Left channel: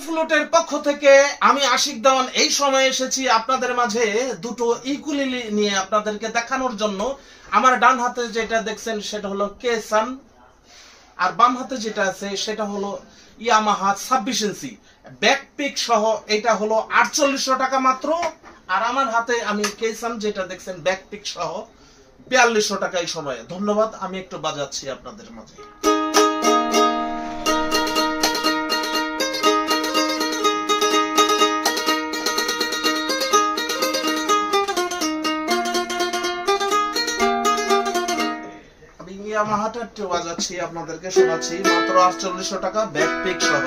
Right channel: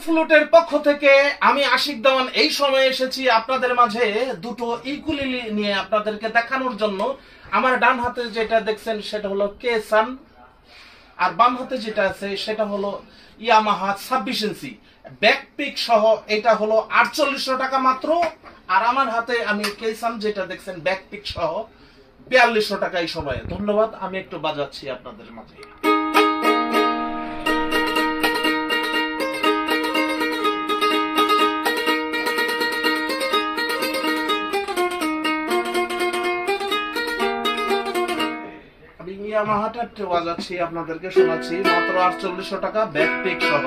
ফ্লুটের পক্ষ থেকে আমি আশিক দেওয়ান এই সময় এসেছি আপনাদের মাঝে দুটো ইকুলিলি নিয়ে আপনাদেরকে দেখানোর জন্য। আমার ডান হাতে যেটা দেখছেন সেটা হলো কেসান, আর বাম হাতে যেটা আছে সেটা হলো ইয়ামাহা 26 ইঞ্চি ব্যাকপিক সহ। এটা হলো 4800 টাকা মাত্র। আর আমার হাতে আমি কেসান যেটা দেখছেন ব্যাকপিক সহ 4200 টাকা এই সময়ে। ধন্যবাদ, আমি একটু বাজাচ্ছি আপনাদের মাঝে। ইয়ামাহাটা একটু বাজাচ্ছি, আপনাদেরকে শোনাচ্ছি। মাত্র 4800 টাকা ব্যাকপিক সহ।